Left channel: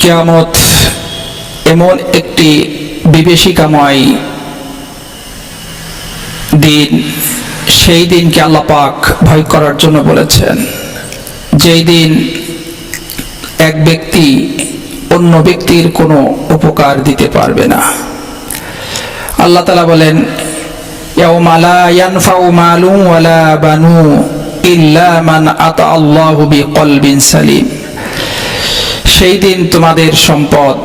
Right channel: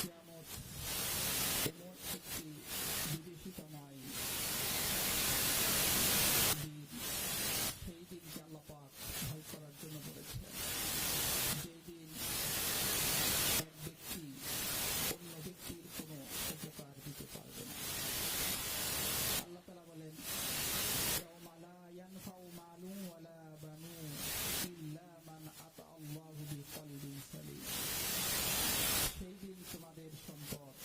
কেয়ামত এমন একটি বিভীষিকাময় দিন। সেই দিনকে আল্লাহ পাক ভয় করার জন্য বলেছেন। যেই দিন এক ব্যক্তি অন্য ব্যক্তির কোনো উপকার দিতে পারবে না। আল্লাহ তালা বলেন মান সালিম। সেই দিন তোমাদের সম্পদ,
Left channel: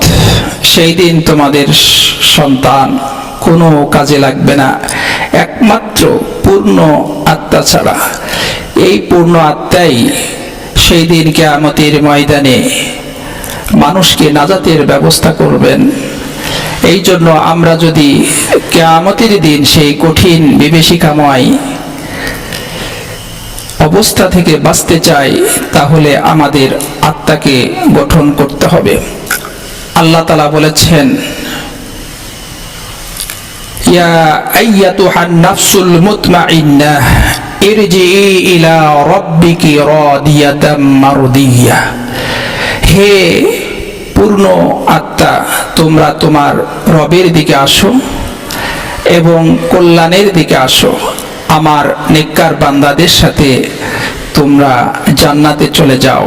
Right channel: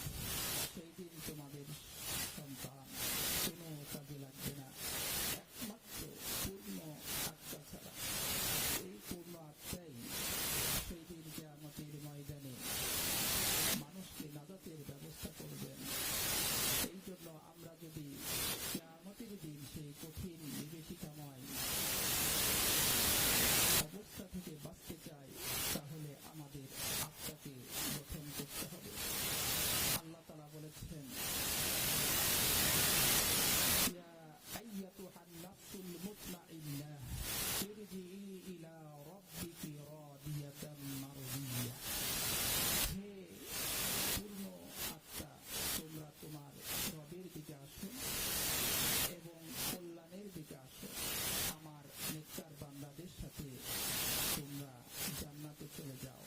সেই দিন তোমাদের সন্তান কোনো কাজে লাগবে না। একমাত্র পূর্ণ আত্মা ছাড়া। এই পূর্ণ আত্মাই সেই দিন কেয়ামতের ময়দানে মানুষকে নাজাতের ব্যবস্থা করবেন। এই জন্য আমরা যদি কেয়ামতের দিন সেই কঠিন বিভীষিকাময় অবস্থা থেকে বাঁচতে চাই, তাহলে আমাদের আত্মাকে গঠন করতে হবে। আল্লাহ তালা বলেছেন, ইয়া আইয়াতুহান নাফসুল মুতমাইন্নাহ ইরজিই ইলা রাব্বিকি রাদিয়াতাম মারদিয়া। হে পূর্ণ আত্মা, তোমরা তোমার রবের দিকে আসো এবং কল্যাণের দিকে আসো। আমার নেককার বান্দাদের সাথে তোমরা জান্নাতে চলে যাও।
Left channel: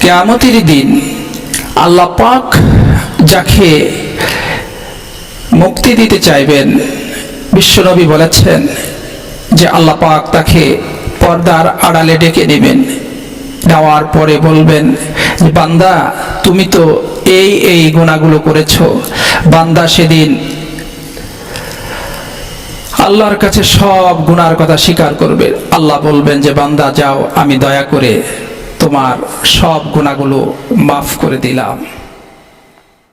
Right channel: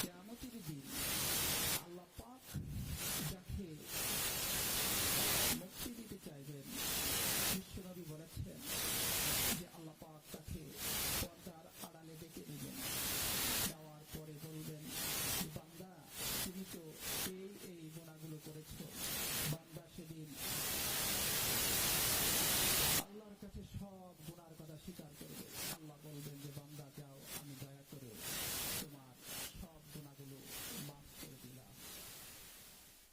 কেয়ামতের দিন আল্লাহ পাক যাকে মুক্তি দিতে চাইবেন, বিশ্বনবী বলেছেন যে আল্লাহ পাক তাকে পর্দার আড়ালে ডেকে নেবেন নেওয়ার পরে বলবেন বান্দা, তুমি তো এই এই গুণাগুলো করেছ। বান্দা সেদিন আল্লাহর কাছে সব গুনার কথা স্বীকার করবে। আল্লাহ বলবেন যে, বান্দা, যাও, আমি দয়া করে তোমার সব গুণাগুলো মাফ করে দিলাম।